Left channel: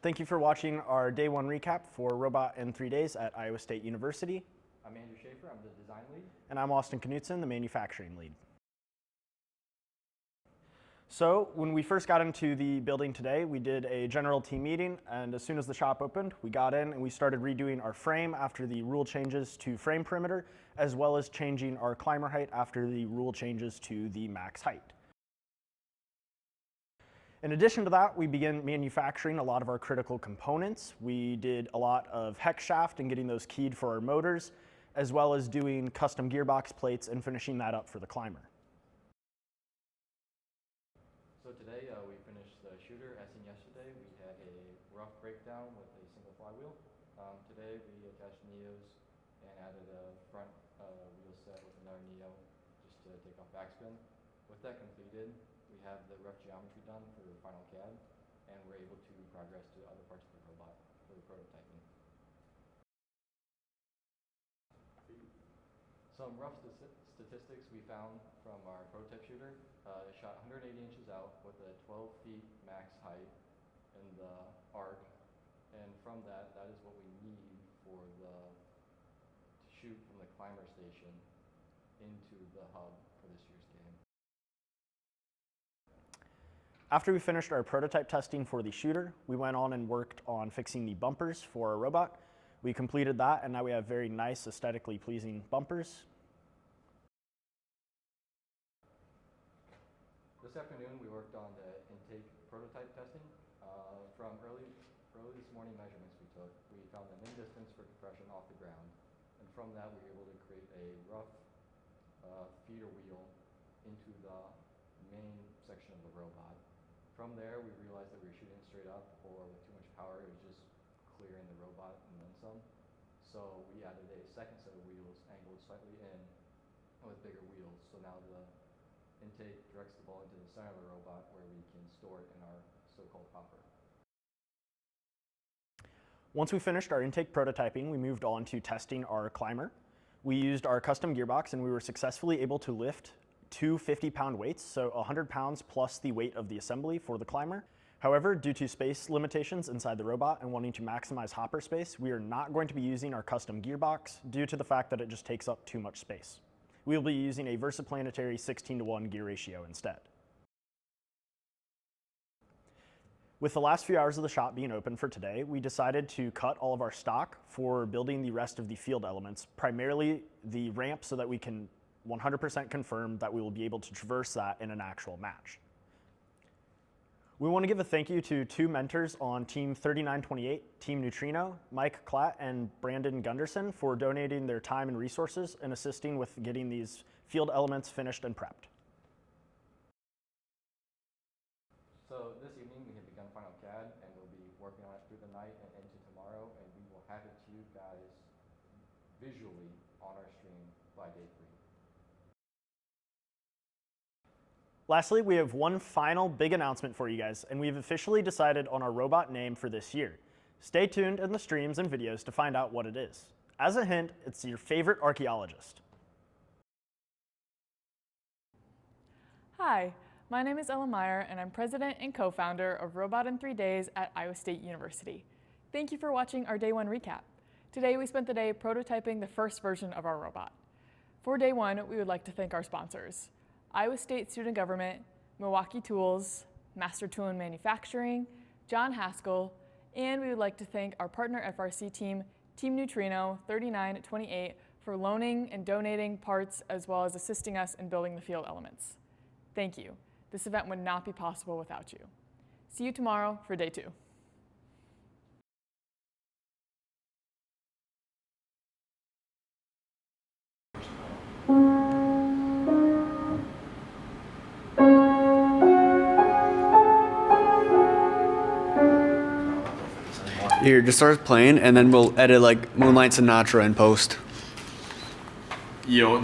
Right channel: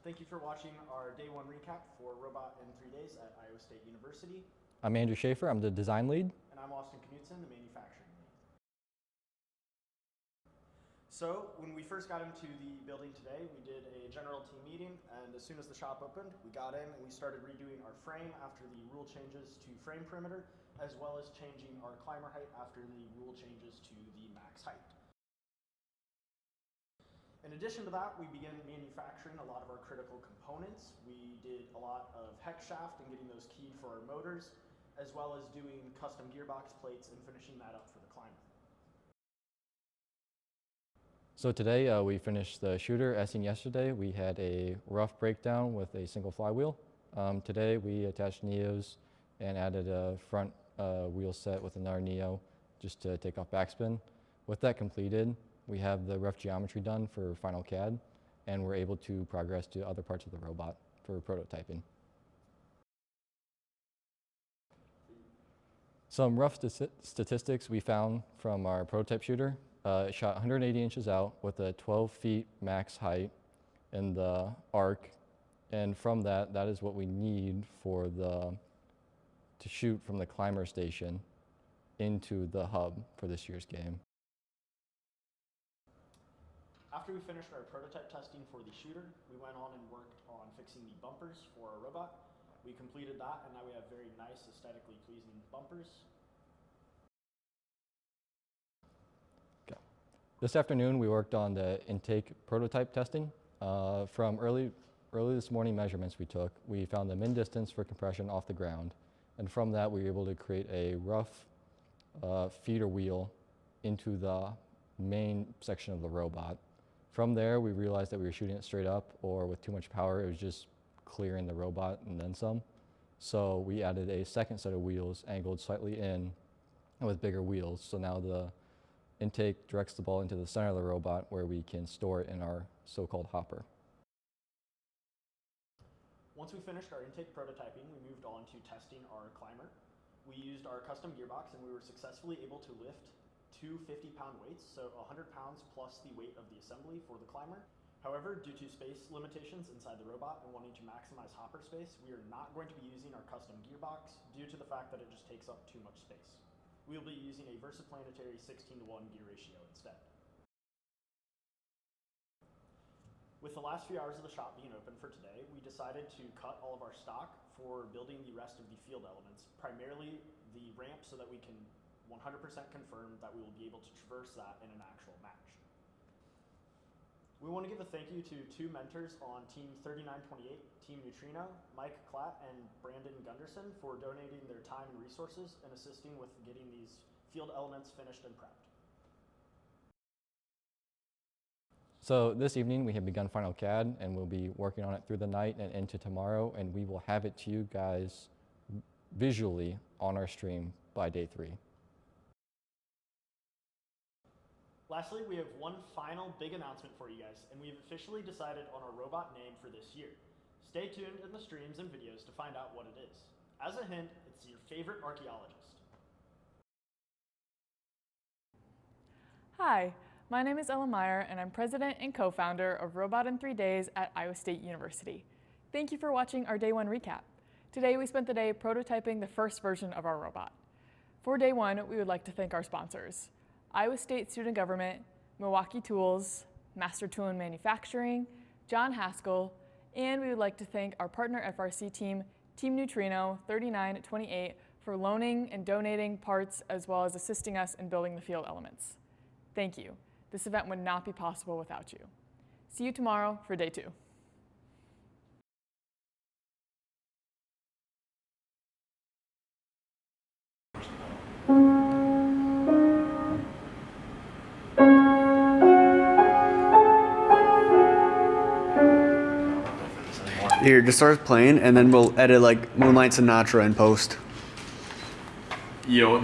Thank you for watching our Day 1 recap for Robot in 3 Days at Iowa State University. I'm Andrew Schaefer, I'm the design lead. And I'm Austin Knutson, the manufacturing lead. So when we first got into the building today, we did a general team meeting, and as soon as the shop opened, we got in and we started redoing our frame after the rule changes to frame perimeter, as well as changing our climber height after the rule changes to the max height. In addition to that, we began manufacturing a lot of our critical components. We did a lot of hex shaft and getting those keyed for our motors, as well as doing custom gearbox plates and finishing that up for the climber. So today we finished the shooter. As seen yesterday, we had a rough breakdown with a single flywheel. Today we attached Neos and added a front wheel set with another Neo just to take off backspin. With that completed, we have the rough geometry done for final CAD, and we're able to progress to other parts of the robot for prototyping. Some rough statistics we found from our prototype shooter. It shot 180 inches out with a 12 feet max height in the arc, and from that is what we need to shoot from the climber station into the hub for this year's game. After we finished our prototype testing for the shooter, we went on and worked on fixing the bumpers for our robot. We completed that, and now we have very nice, aesthetically pleasing bumpers. Okay. This afternoon, we worked on the intake prototype testing. From early this morning measurements we took, we found the min distance for compression off the ground, and from that, we were able to create a rough feeder wheel into the main section of the robot. From there, we realized that we were shooting it straight up, or with too much power, it was just clearing the robot and then some. So we added a second set of wheels angled slightly in with bigger wheels. So now the intake directs the ball into the center of the robot where we can store it in our so-called hopper. Once we finished our intake prototyping, we moved on to testing our climber. We used our custom gearbox, and we were successfully able to lift two 50-pound weights, so 100 pounds plus the weight of the assembly for the climber. However, due to space limitations inside the robot and wanting to maximize hopper space, we are not going to be using our custom gearbox due to the fact that it just takes up too much space. We will be using a versaplanetary 16:1 gear ratio instead. With the last few hours of the shop being open for today, we decided to cut all of our stock for building the rest of the field elements, primarily the ramp, so that we can 100% confirm that we will be able to traverse that in an actual match. We want to give a thank you to two mentors on Team 3928, Team Neutrino, Mike Klatt and Brandon Gunderson, for donating their time and resources and assisting with getting these field elements finished and prepped. So this evening we have begun Final CAD, and we'll be working on it through the night and into tomorrow, and we will have it to you guys visually on our stream by day 3. Lastly, we have one final big announcement for you guys, and we've officially decided on our robot name for this year. Stay tuned in the streams and videos to find out what it is. As a hint, it's your favorite archaeologist. Hi, my name is Ella Meyer, and I'm president and co-founder of Robot in 3 Days at Iowa State University. Thank you for watching our Day 1 recap. Today we spent the day prototyping the first version of our robot. For Day 1, we would like to thank our sponsors: Iowa State Student Government, Milwaukee Tools, Master Tool and Manufacturing, John Haskell, and we would like to thank our partner FRC team, Team Neutrino 3928, for loaning and donating parts as well as assisting us in building the field elements. Thank you. This event would not be possible without you. See you tomorrow for Day 2. Here, just start playing, and then we'll edit like Moonlight Sinatra in post. Yo,